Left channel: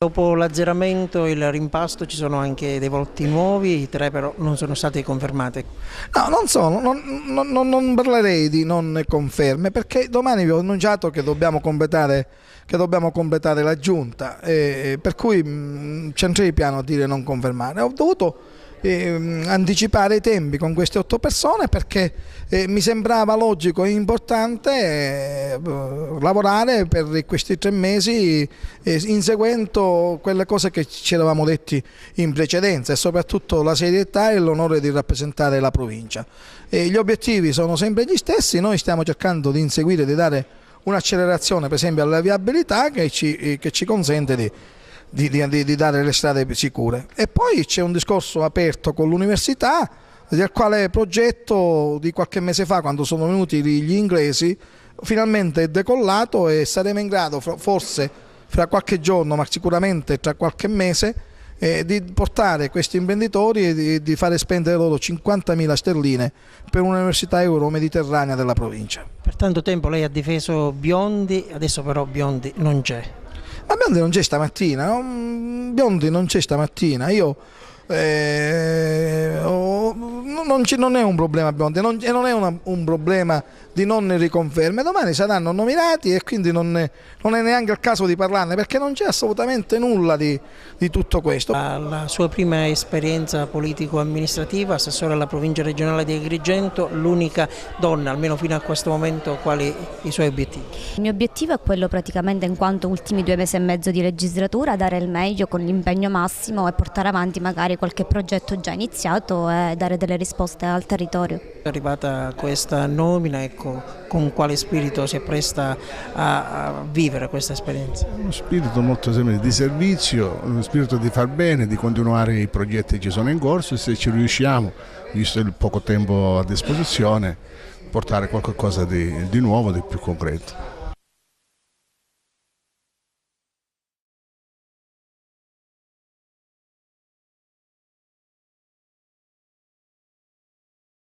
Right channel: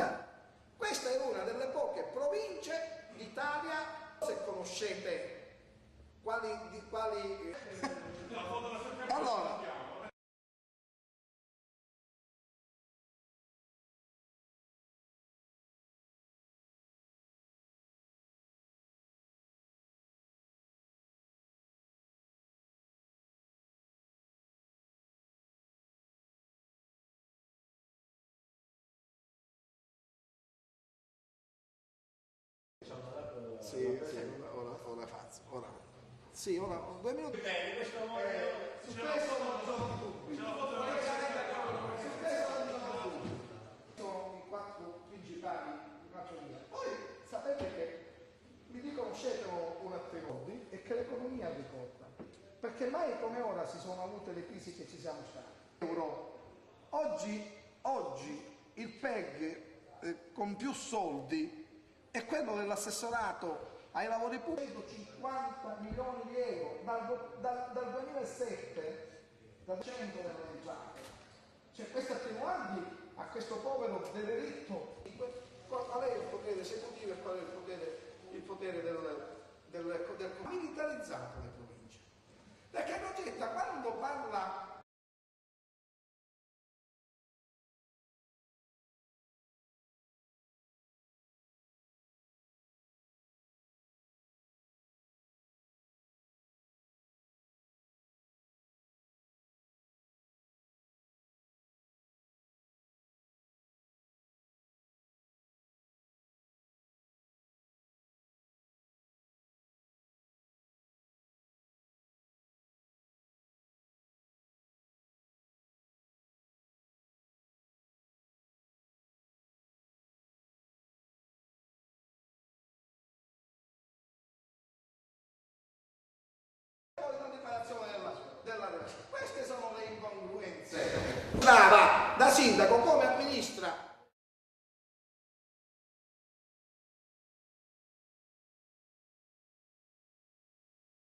Dopo l'azzeramento e il rimpasto ci sono anche dei volti nuovi, 3 però non sono stati confermati. No, non parlerei di non conferme, perché domani vi ho annunciato che dobbiamo completare la giunta, per cui c'entrei piano a dire non confermare. Ho dovuto anticipare i tempi con queste 8 persone perché mi sembrava logico e importante lavorare per questi 3 mesi inseguendo quelle cose che ci eravamo detti in precedenza, e soprattutto la serietà e l'onore di rappresentare la provincia. Gli obiettivi sono sempre gli stessi, noi stiamo cercando di inseguire, di dare un'accelerazione per esempio alla viabilità che ci consente di dare le strade sicure. E poi c'è un discorso aperto con l'università, del quale progetto di qualche mese fa, quando sono venuti gli inglesi, finalmente è decollato e saremo in grado, forse fra qualche giorno, ma sicuramente tra qualche mese, di portare questi imprenditori e di fare spendere loro 50.000 sterline per un'università euro-mediterranea della provincia. Per tanto tempo lei ha difeso Biondi, adesso però Biondi non c'è. Ma Biondi non c'è stamattina, no? Biondi non c'è stamattina, non è un problema Biondi, non è un problema di non riconferme. Domani saranno nominati e quindi non è neanche il caso di parlarne, perché non c'è assolutamente nulla di tutto questo. La sua prima esperienza politico-amministrativa, assessore alla provincia regionale di Agrigento, l'unica donna, almeno fino a questo momento, quali i suoi obiettivi? Il mio obiettivo è quello praticamente, in quanto ultimi 2 mesi e mezzo di legislatura, dare il meglio con l'impegno massimo e portare avanti magari qualche progetto già iniziato e dare delle risposte al territorio. È arrivata questa nomina, ecco, con quale spirito si appresta a vivere questa esperienza? Uno spirito molto semplice di servizio, uno spirito di far bene, di continuare i progetti che ci sono in corso, e se ci riusciamo, visto il poco tempo a disposizione, portare qualcosa di nuovo, di più concreto. Brava, da sindaco